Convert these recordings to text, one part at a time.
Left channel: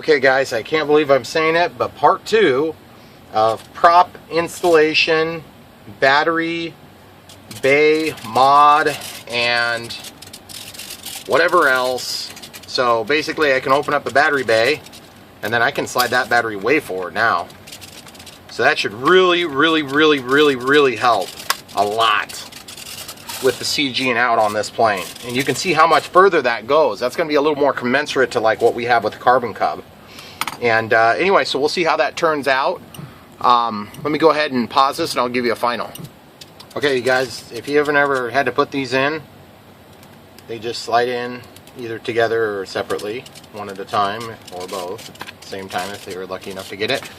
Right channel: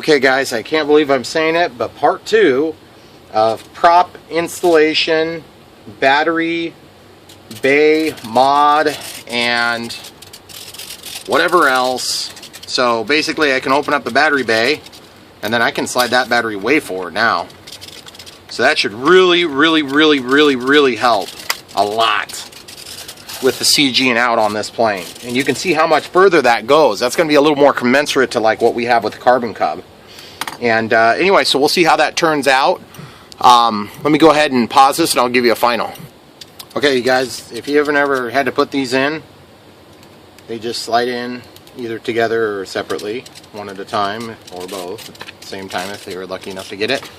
Okay guys, I can't believe I'm saying it, but part 2 of prop installation, battery, bay, mod, and whatever else. So basically I can open up the battery bay and then I can slide that battery way forward now. So that should really help a lot with the CGing out on this plane. And you can see how much further that goes. That's going to be a little more commensurate to like what we have with the Carbon Cub. And anyway, so we'll see how that turns out. Let me go ahead and pause this and I'll give you a final. Okay, you guys, if you ever had to put these in, they just slide in either together or separately, one at a time, or both at the same time if they were lucky enough to get it.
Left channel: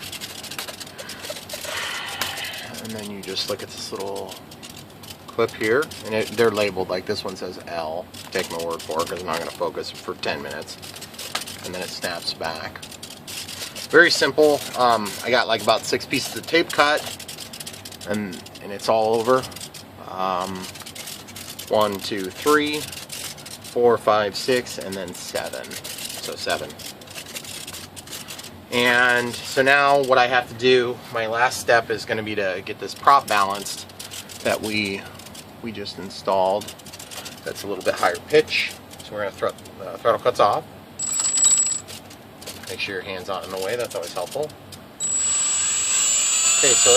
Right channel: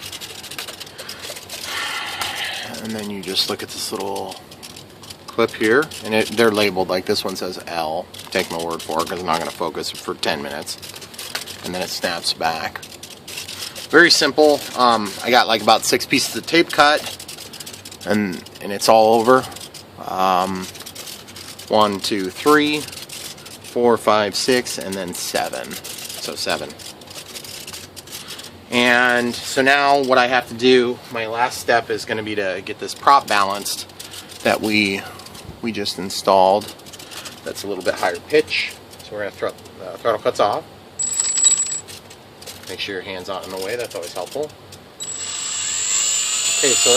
And then you just look at this little clip here, and they're labeled, like this one says L. Take my word for it because I'm not going to focus for 10 minutes. And then it snaps back. Very simple. I got like about 6 pieces of tape cut, and it's all over. 1, 2, 3, 4, 5, 6, and then 7. So 7. And so now what I have to do, my last step is going to be to get this prop balanced that we just installed. That's a little bit higher pitch. So we're going to throttle cuts off. Make sure your hand's not in the way, that's always helpful. Okay, so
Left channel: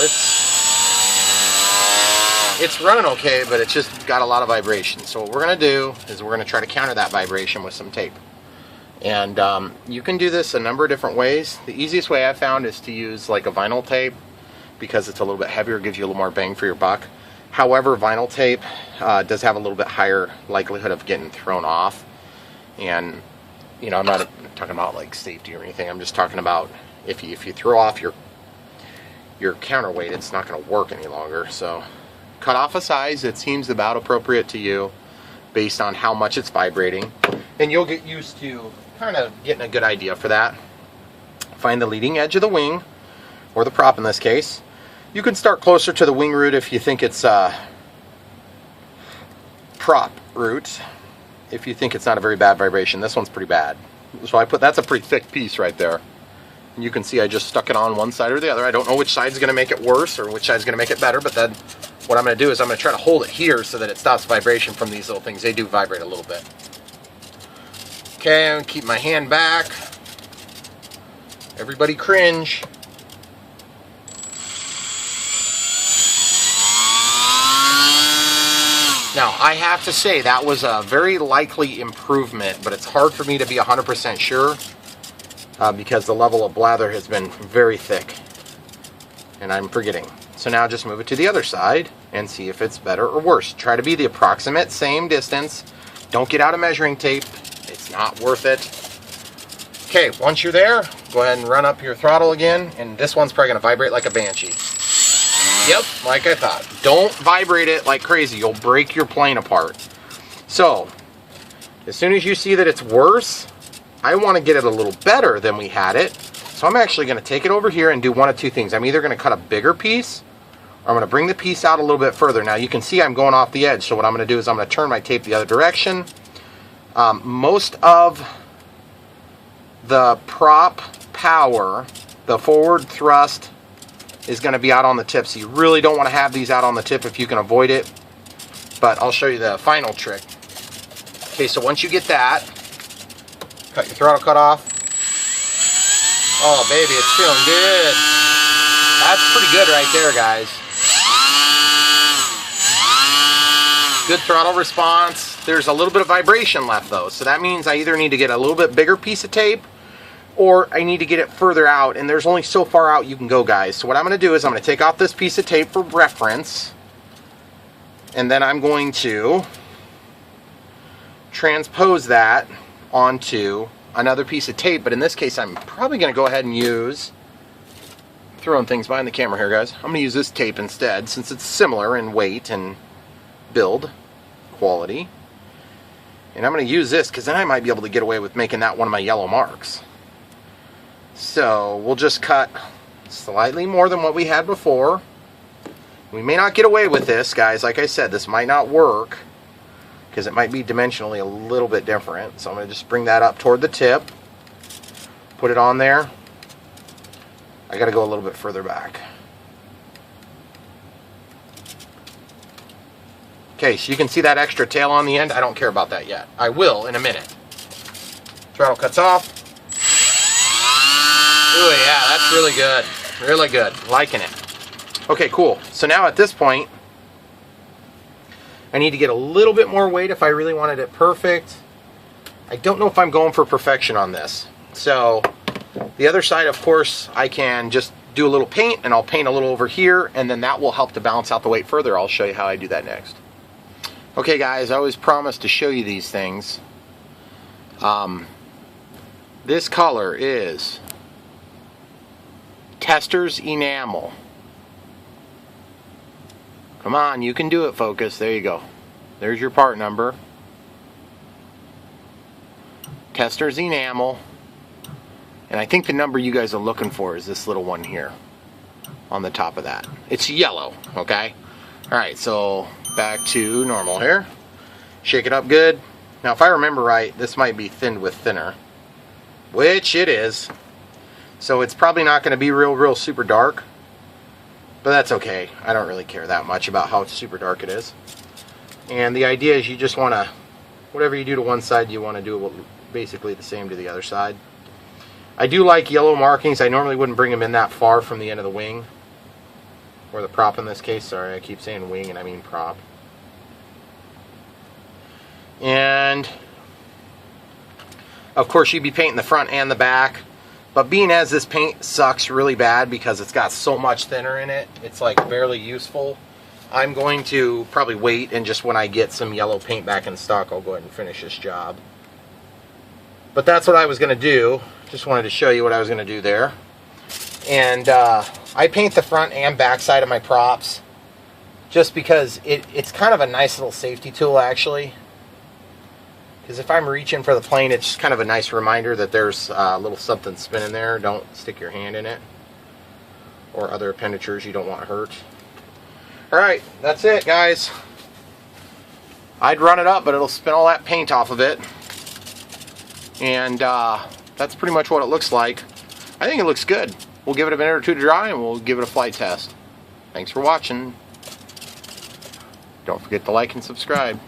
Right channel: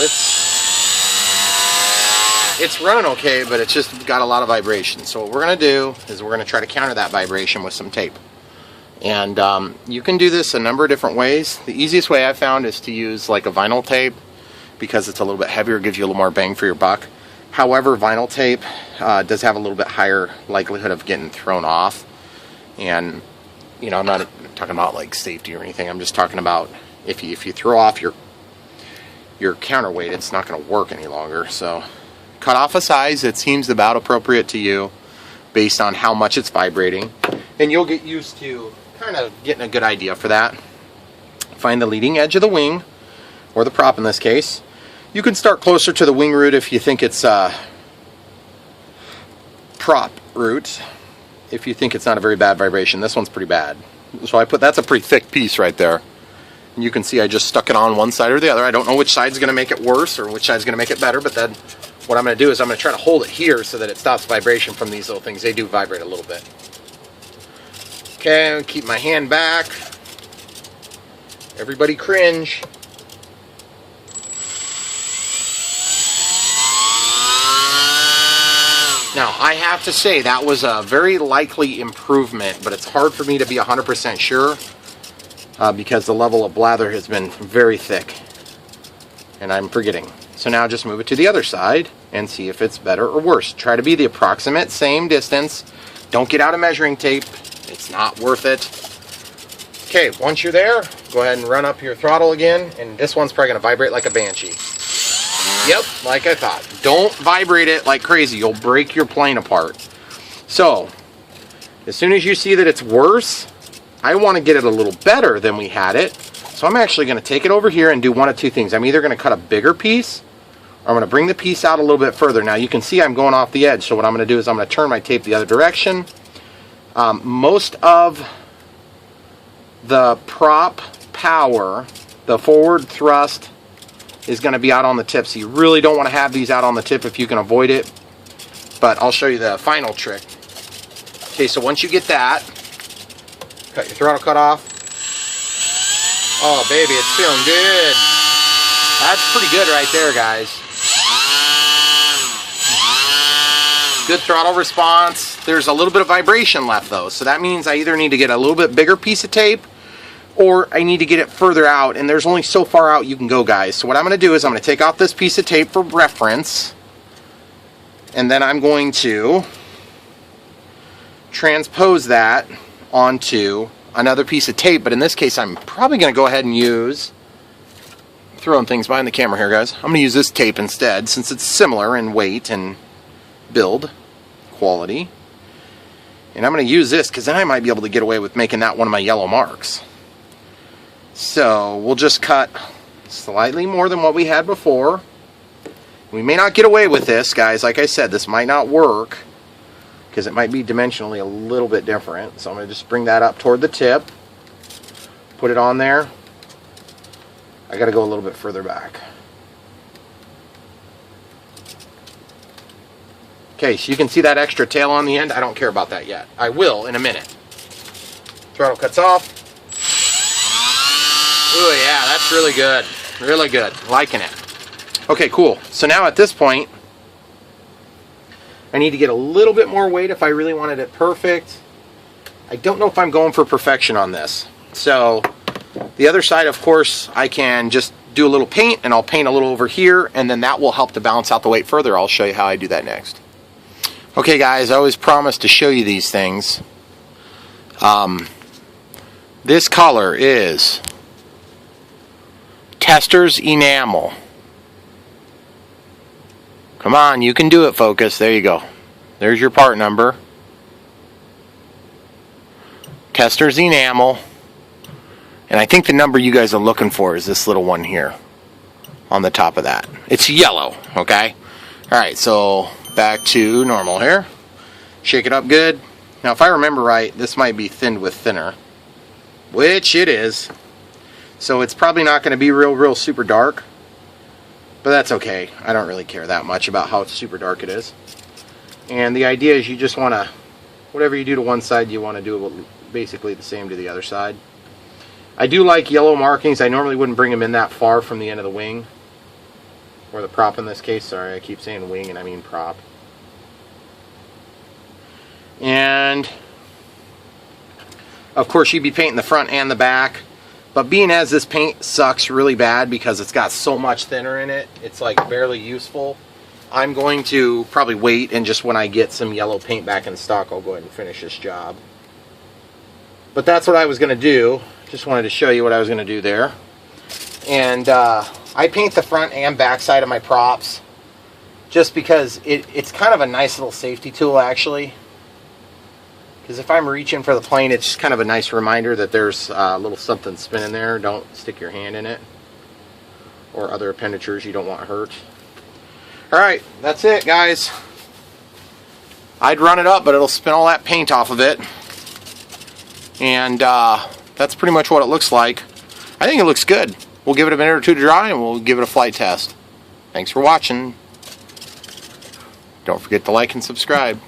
it's running okay, but it's just got a lot of vibration. So what we're going to do is we're going to try to counter that vibration with some tape. And you can do this a number of different ways. The easiest way I've found is to use like a vinyl tape because it's a little bit heavier, gives you a little more bang for your buck. However, vinyl tape does have a little bit higher likelihood of getting thrown off. And, you know, I'm not talking about like safety or anything. I'm just talking about if you throw off your counterweight, it's not going to work any longer. So cut off a size that seems about appropriate to you based on how much it's vibrating. And you'll get used to kind of getting a good idea for that. Find the leading edge of the wing, or the prop in this case. You can start closer to the wing root if you think it's prop root. If you think it's not a very bad vibration, this one's pretty bad. So that's a pretty thick piece right there. And you can see I just stuck it on one side or the other. I don't know which side's going to make it worse or which side's going to make it better, but then what I'm going to do is I'm going to try to hold it here so that it stops vibration from these little things. They do vibrate a little bit. Okay, I'm going to keep my hand back. Everybody cringe. Now, I have to say that was a very likely improvement, but it's hard for me to be 100% sure because the level of blather has been very thick, and I'm forgetting. So now just move it to the other side and see if it's better or worse. Try to be the approximate same distance. Don't get out a measuring tape. It's not worth it. Okay, once you're there, go ahead and run up your throttle again, and this one's probably going to vibrate like a banshee. Yep, like I thought. Don't vibrate it like crazy. You'll break your plane apart. So, as soon as you see that it's worse, I want to get it a little better than we had it. So I'm actually going to take it over here and do one of two things. I'm either going to cut a bigger piece, or I'm going to bring the piece out a little bit further. Now you can see I'm going off the edge, so what I'm going to do is I'm going to turn my tape the other direction. Most of the prop power, the forward thrust, is going to be out on the tip, so you really don't want to have these out on the tip if you can avoid it. But I'll show you the final trick. Okay, so once you get that, cut your throttle cut off. Oh baby, it's feeling good. That's pretty good right there, guys. Good throttle response. There's a little bit of vibration left though, so that means I either need to get a little bit bigger piece of tape or I need to get it further out, and there's only so far out you can go, guys. So what I'm going to do is I'm going to take off this piece of tape for reference, and then I'm going to transpose that onto another piece of tape, but in this case I'm probably going to go ahead and use, throwing things behind the camera here, guys. I'm going to use this tape instead, since it's similar in weight and build quality. And I'm going to use this because then I might be able to get away with making that one of my yellow marks. So we'll just cut slightly more than what we had before. We may not get away with this, guys. Like I said, this might not work because it might be dimensionally a little bit different. So I'm going to just bring that up toward the tip. put it on there. I got to go a little bit further back. Okay, so you can see that extra tail on the end. I don't care about that yet. I will in a minute. Throttle cuts off. Ooh, yeah, that's really good. Really good. Liking it. Okay, cool. So now at this point, I need to get a little bit more weight if I really wanted it perfect. I don't know if I'm going for perfection on this. So the other side, of course, I can just do a little paint, and I'll paint a little over here, and then that will help to balance out the weight further. I'll show you how I do that next. Okay, guys, I always promise to show you these things. This color is Tester's Enamel. Come on, you can do it, Focus. There you go. There's your part number. Tester's Enamel. And I think the number you guys are looking for is this little one here on the top of that. It's yellow, okay? Alright, so back to normal here. Shake it up good. Now, if I remember right, this might be thinned with thinner, which it is. So it's probably not going to be real super dark. But that's okay. I don't really care that much about how super dark it is. And the idea is you just want to, whatever you do to one side, you want to do basically the same to the other side. I do like yellow markings. I normally wouldn't bring them in that far from the end of the wing. Or the prop in this case. Sorry, I keep saying wing and I mean prop. And of course you'd be painting the front and the back. But being as this paint sucks really bad because it's got so much thinner in it, it's like barely useful. I'm going to probably wait, and just when I get some yellow paint back in stock, I'll go ahead and finish this job. But that's what I was going to do. Just wanted to show you what I was going to do there. And I paint the front and back side of my props just because it's kind of a nice little safety tool, actually. Because if I'm reaching for the plane, it's just kind of a nice reminder that there's a little something spinning there. Don't stick your hand in it. Or other appendagers you don't want hurt. Alright, that's it, guys. I'd run it up, but it'll spin all that paint off of it. And that's pretty much what it looks like. I think it looks good. We'll give it a minute or two to dry, and we'll give it a flight test. Thanks for watching. Don't forget to like and subscribe.